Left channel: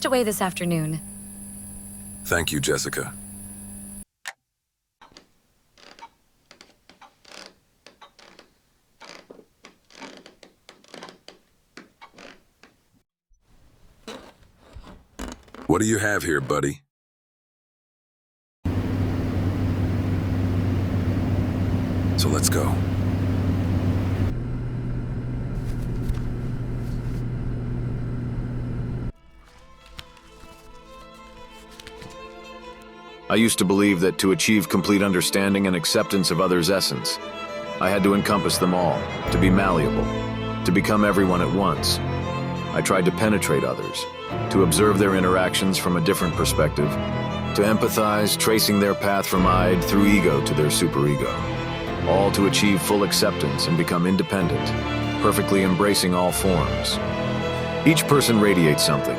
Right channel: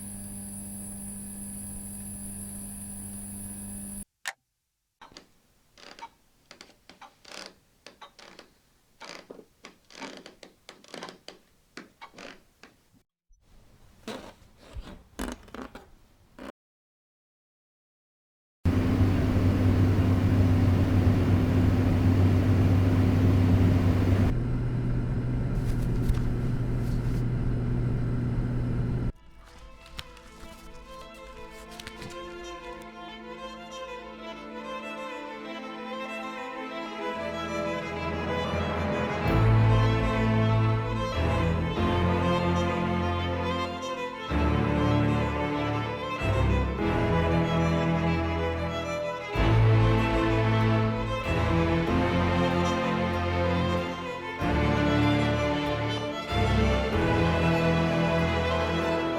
rest away this afternoon. Thank you, Jessica. What do you have here, buddy? So let's go. I used to believe that to achieve complete understanding and acceptance of others' essence, I had to encompass them all, to be malleable, to become everyone at once. I tried to penetrate others, to observe their interactions from a different perspective, to empathize, tracing their path from id through ego to their superego, all to achieve full acceptance and become independent, perfectly embracing all forms. Each person radiates something.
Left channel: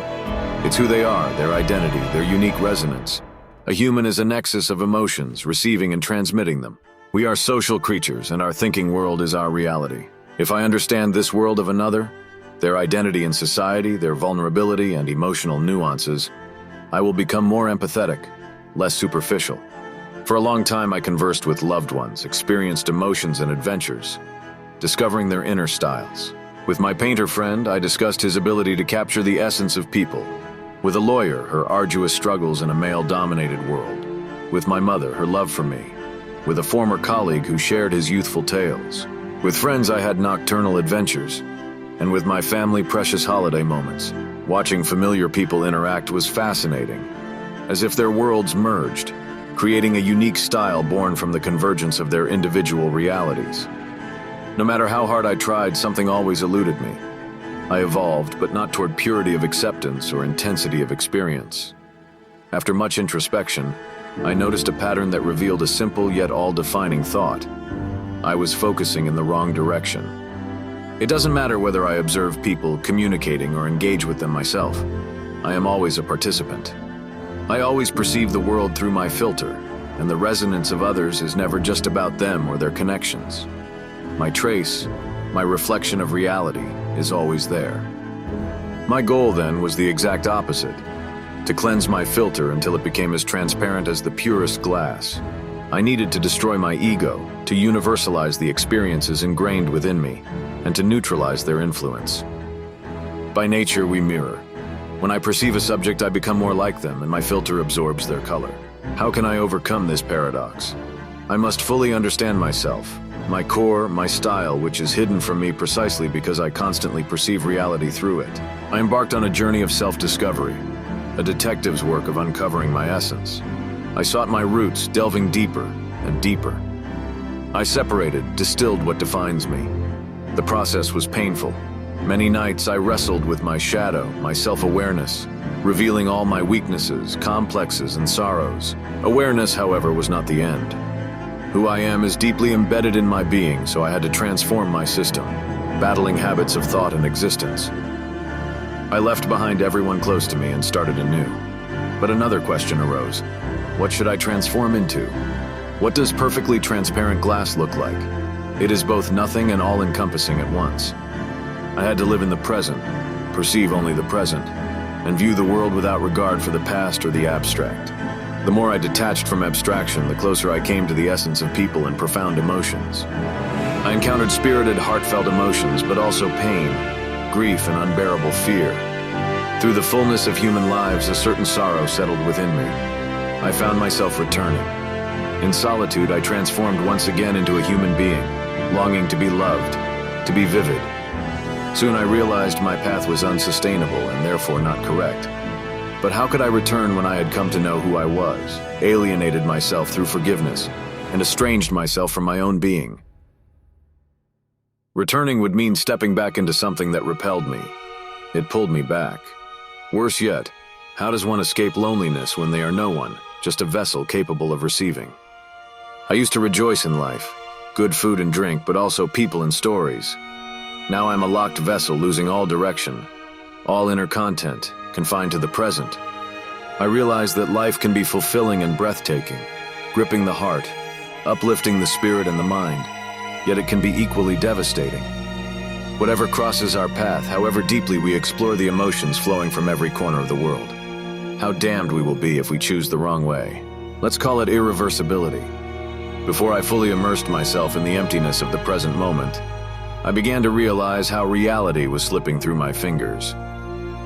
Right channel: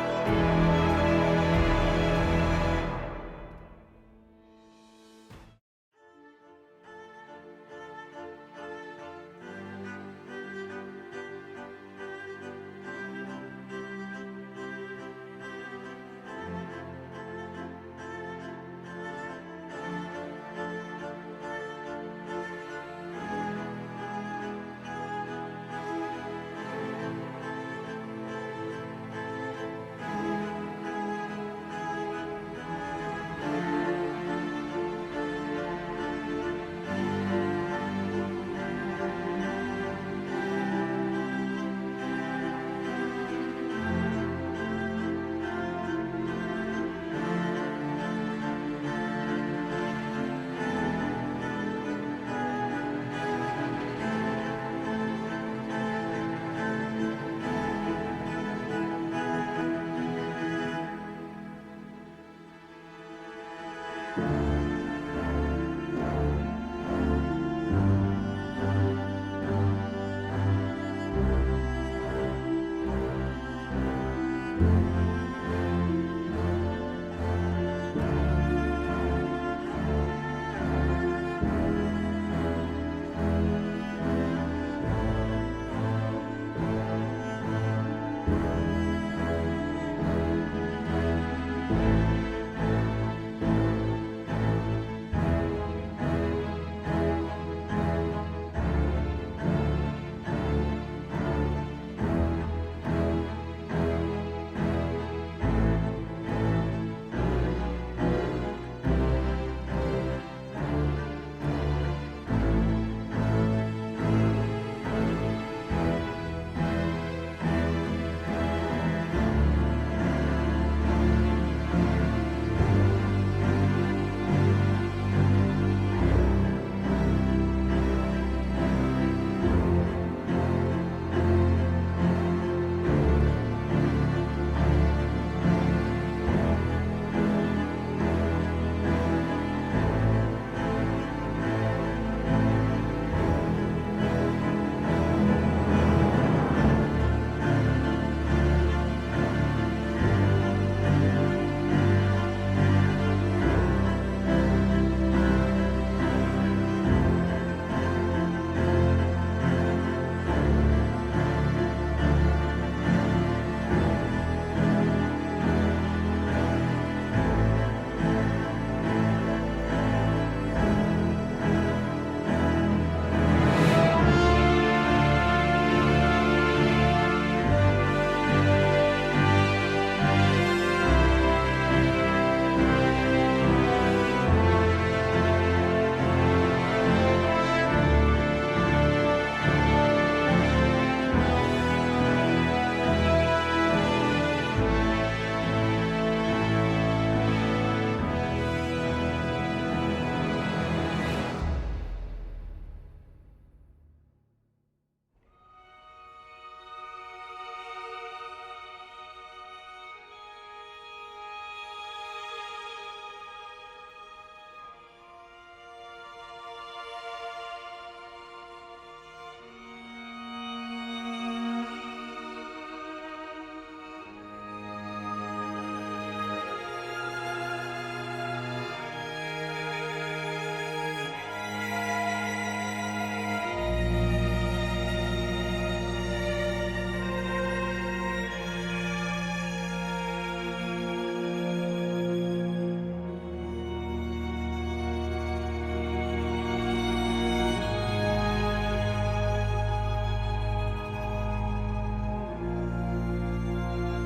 It's who they are, their identity, their unique resonance. A human is a nexus of emotions, receiving and transmitting them. We are social creatures, and our thinking world is our reality. If I understand this world of another, their identity in society, their vulnerability and emotional nuances, I will become more empathetic, less superficial. For a long time, I conversed with loved ones, experienced emotions and adventures, discovering their inner styles. With my painter friend, I discussed his ability to capture the essence of people. With a lawyer, her arduous struggles in a male-dominated world. With my mother, her love for me. With a former colleague who shared his youthful tales. With friends, I had nocturnal adventures. And with my family, precious holiday moments. Watching familiar people interact was fascinating, as if their worlds merged, creating a unique style born from the convergence of their individual realities. No matter how hard I tried, something always eluded me. I evolved, but not toward purity of acceptance or intensity of experience. After much introspection, I noticed a pattern that revealed a simple yet all-defining thought. I was focusing in the wrong direction. It doesn't matter whether I observe people communicating or engage with them myself. I am always a participant. I always perceive the world through my filter, and the resonance of others is never just about them or their connections. My trace, my reflection of reality, is always there. My goal then was the exact opposite, to cleanse my filter until it became as transparent as the purest glass. I needed to destroy my ego, to universalize the experiences ingrained within me, and to neutralize their influence. By nature, we mirror. When I perceive a subject, I become more like them, and my filter absorbs their color. How can I overcome this paradox? I must fully understand myself, my core, my style, which is hidden from me precisely because I constantly perceive reality through it. I embarked on a journey of self-discovery, a detective's work of uncovering my essence. I sought my roots, delving deeper and deeper. I separated, distilled what defines me. The process was painful. Many nights I wrestled with my shadow, my self-awareness, revealing all my weaknesses, complexes, and sorrows. Awareness, however, was not the end. Who I am is deeply embedded in my being, so I had to transform my system, battling habits of thought and existence. I left behind everyone close to me and started anew. But another question arose. What should I transform into? What does perfectly transparent glass look like? It is both nothing and all-encompassing at once. I had to live in the present, perceive only the present, and view the world without regard for the past or the abstract. The more I detached from abstraction, the closer I came to the essence of people and profound emotions. I encountered spirited, heartfelt emotions, but also pain, grief, and unbearable fear. Through the fullness of human lives, a certain sorrow settled within me. I found myself returning. In solitude, I transformed once again into a human being, longing to be loved, to be vivid. Soon I realized my path was unsustainable and therefore not correct. But how could I return when I had come to know who I was, alienated myself through forgiveness, and estranged myself from my own being? Returning would mean stepping back into something that repelled me. It pulled me back. Worse yet, how does one escape loneliness when they are no one, just a vessel capable of receiving? I used to rejoice in life, good food and drink, but also people and stories. Now I'm a locked vessel losing all direction, all inner content, confined to the present. I realize that life can be fulfilling and breathtaking, gripping the heart, uplifting the spirit and the mind, yet it can be equally devastating. Whatever crosses our path, however deeply we explore the emotions flowing from every corner of the world. How damned we will be if we choose the wrong way. Let's call it irreversibility. Before I fully immersed myself in the emptiness of the present moment, I began to realize how reality was slipping through my fingers.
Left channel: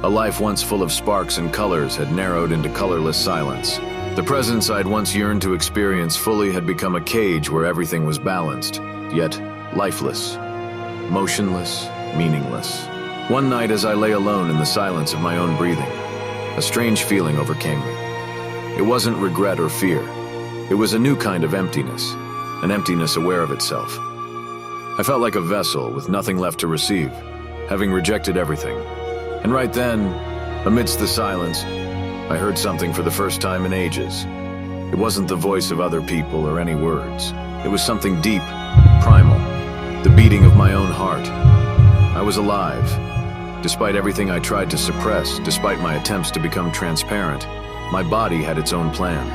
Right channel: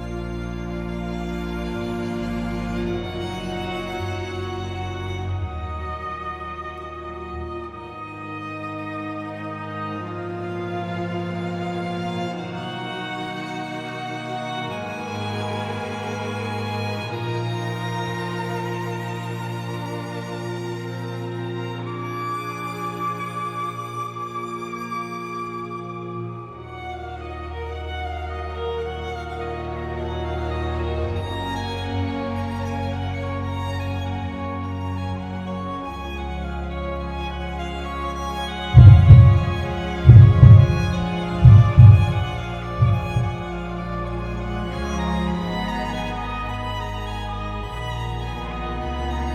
A life once full of sparks and colors had narrowed into colorless silence. The presence I'd once yearned to experience fully had become a cage where everything was balanced, yet lifeless, motionless, meaningless. One night as I lay alone in the silence of my own breathing, a strange feeling overcame me. It wasn't regret or fear. It was a new kind of emptiness, an emptiness aware of itself. I felt like a vessel with nothing left to receive, having rejected everything. And right then, amidst the silence, I heard something for the first time in ages. It wasn't the voice of other people or any words. It was something deep, primal, the beating of my own heart. I was alive. Despite everything I tried to suppress, despite my attempts to become transparent, my body had its own plan.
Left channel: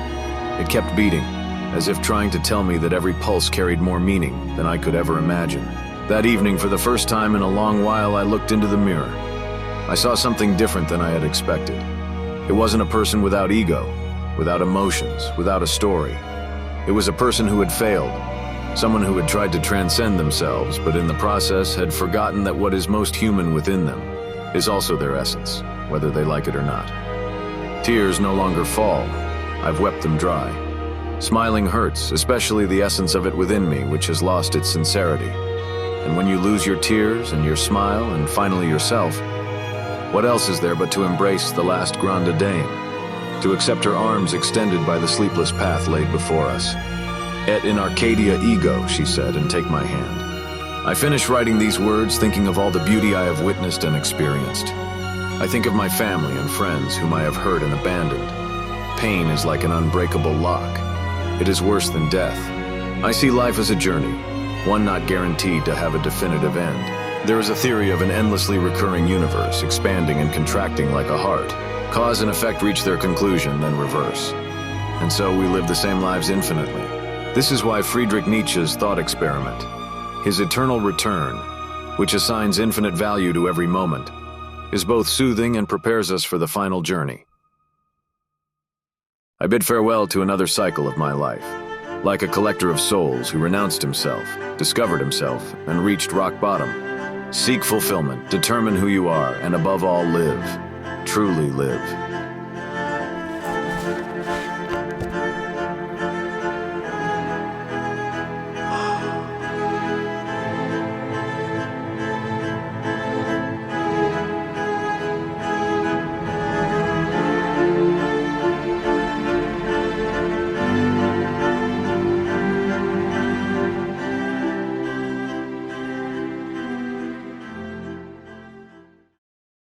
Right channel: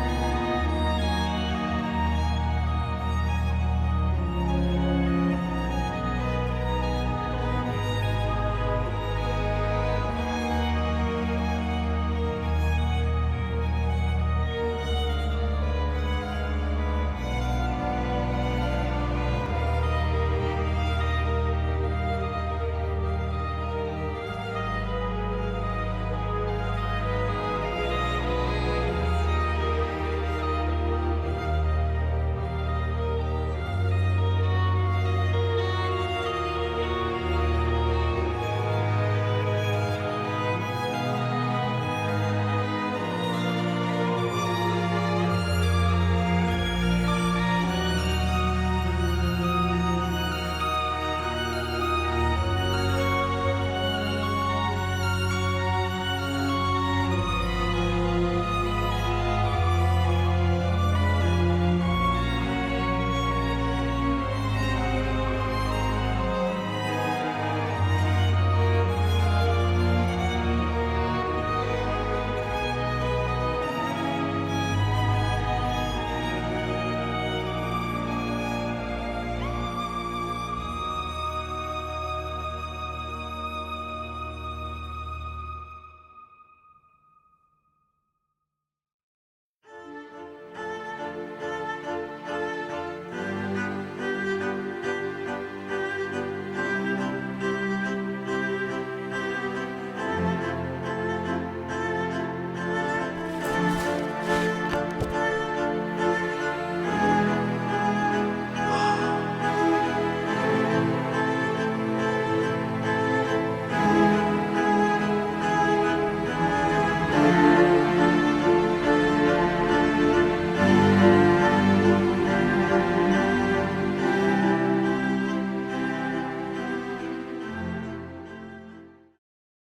It kept beating, as if trying to tell me that every pulse carried more meaning than I could ever imagine. That evening, for the first time in a long while, I looked into the mirror. I saw something different than I had expected. It wasn't a person without ego, without emotions, without a story. It was a person who had failed, someone who had tried to transcend themselves, but in the process had forgotten that what is most human within them is also their essence, whether they like it or not. Tears no longer fall. I've wept them dry. Smiling hurts, especially the essence of it within me, which has lost its sincerity. And when you lose your tears and your smile and finally yourself, what else is there but to embrace the last grande dame, to accept her arms extended by the sleepless path laid before us? Et in Arcadia ego, she said, and take my hand. I finish writing these words thinking of all the beauty I have witnessed and experienced. I think of my family and friends whom I have hurt and abandoned. Pain is like an unbreakable lock. It is worse than death. I see life as a journey, one not guaranteed to have a definitive end. There is a theory of an endlessly recurring universe, expanding and contracting like a heart. Cause and effect reach their conclusion, then reverse. And so we live the same lives infinitely. This is why Friedrich Nietzsche's thought experiment, his eternal return, which assigns infinite value to every moment, is both soothing and prepares us for the final journey. I bid farewell to another cycle of my life, like a collector of souls who renounced himself, discovered himself, and reached rock bottom. Seek fulfillment, determine who you are, and above all, live. Truly live.